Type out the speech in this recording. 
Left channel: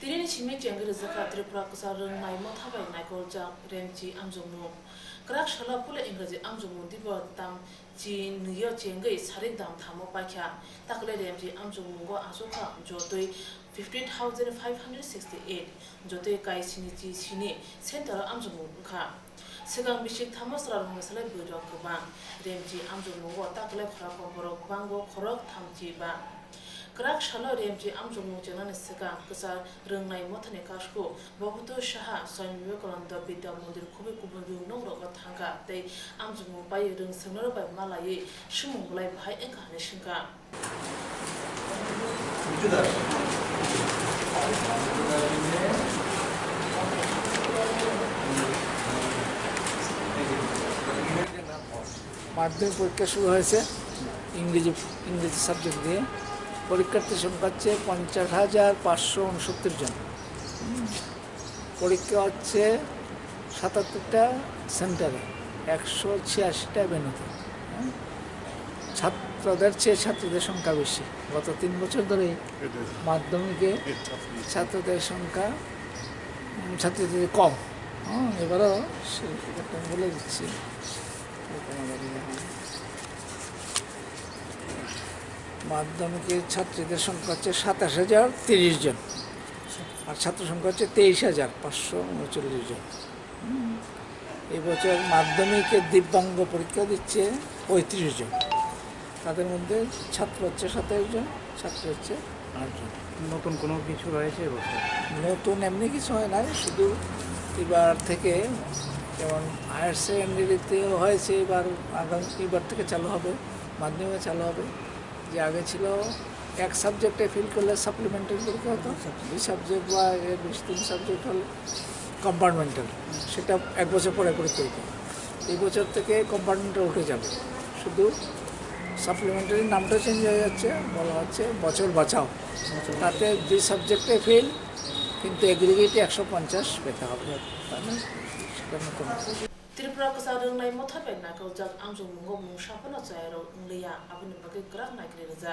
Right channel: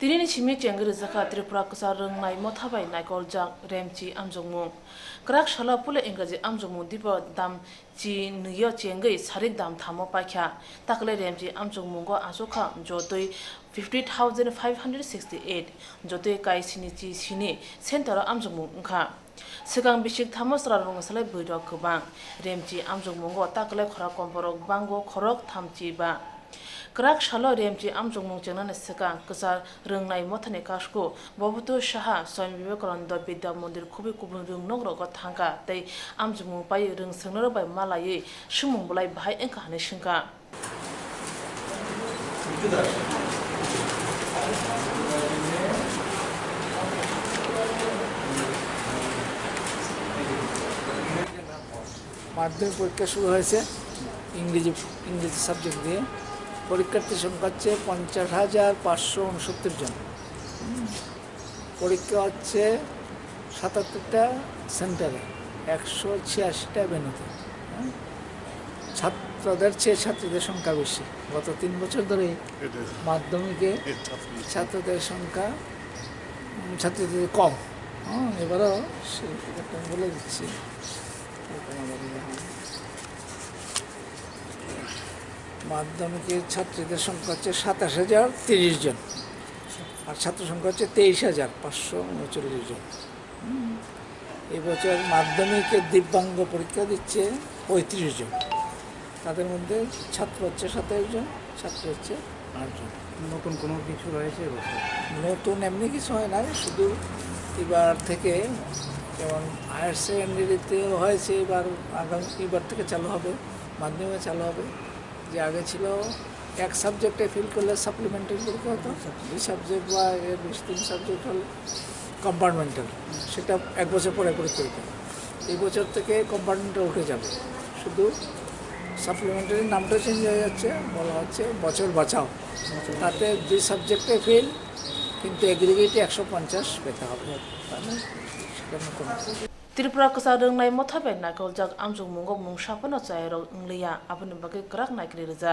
Tirini chimi chengri zaka Tripura kusa rungnai mothabai naikol jak remchi amjongmu. Krak shala pule ingraji amjongmu diba dam chi niyo chengai sari dam thamo pakya. Takle remchi amjongmu go asoka jotoi 50,568 jotoi kai sini chi sini sentara amjongmu ngka. Sigang bishik thamosra rung salai buidok kubang. Remchi amjongmu go takle khora komborok bango khorok thamchi ba. Krak shalo remchi amjongmu jenone sika kusar rungnai mothane kashko bobuto shaha Swami Vivekananda Vidya Mandir kubi kubun rung nongro go thangka tei amjongmu bai rung sengnoro bai malayi shumung bulai bahai engka hane shingka মাধ্যমিক পরীক্ষা শুরু হয়েছে ইংরেজি subject দিয়ে পরীক্ষার্থীর সংখ্যা হচ্ছে 50,569 জন পরীক্ষা হচ্ছে 77টা সেন্টারে 186টা ভেন্যুতে ছাত্রদের চেয়ে ছাত্রীদের সংখ্যা বেশি গত 3 বছর ধরে মাধ্যমিকে ছাত্রদের সংখ্যা ছাত্রীদের কম এবারও সেটা বলে দিচ্ছি মাধ্যমিকের ছাত্রীদের সংখ্যা হচ্ছে 27,030 জন আর ছাত্র সংখ্যা হচ্ছে 23,539 জন এবছর মাধ্যমিকে দিব্যাঙ্গ পরীক্ষা দিচ্ছে 35 জন তাদের মধ্যে ছাত্র হচ্ছে 27 জন ছাত্র হচ্ছে 8 জন নতুন কোনো কিছু রয়েছে এবছর নতুন এমনি কিছু হয় না শুধু এবার থেকে যেমন হায়ার সেকেন্ডারিতেও হয়েছে এবার থেকে চালু হবে মাধ্যমিকে চালু হবে যে আগে ছিল এক সাবজেক্টে ফেল করলে সাপ্লিমেন্টারি পরীক্ষা হতো 2 সাবজেক্ট বা 3 সাবজেক্ট হলে কম্পার্টমেন্টাল সেটা 1 বছর পরে পরীক্ষা হতো এই বছর থেকে কম্পার্টমেন্টাল উঠে যাবে শুধু সাপ্লিমেন্টারির নামটা চেঞ্জ হয়ে যাচ্ছে বলা হচ্ছে বছর বাঁচাও তাতে 2 সাবজেক্টে ফেল কিন্তু এগ্রিগেটে 150 পেতে হবে তাই না সেটা নতুন Tripura kusa rungnai mothabai naikol jak amjongmu go mung shapano chai ro ngleya abun bage krak naikri reja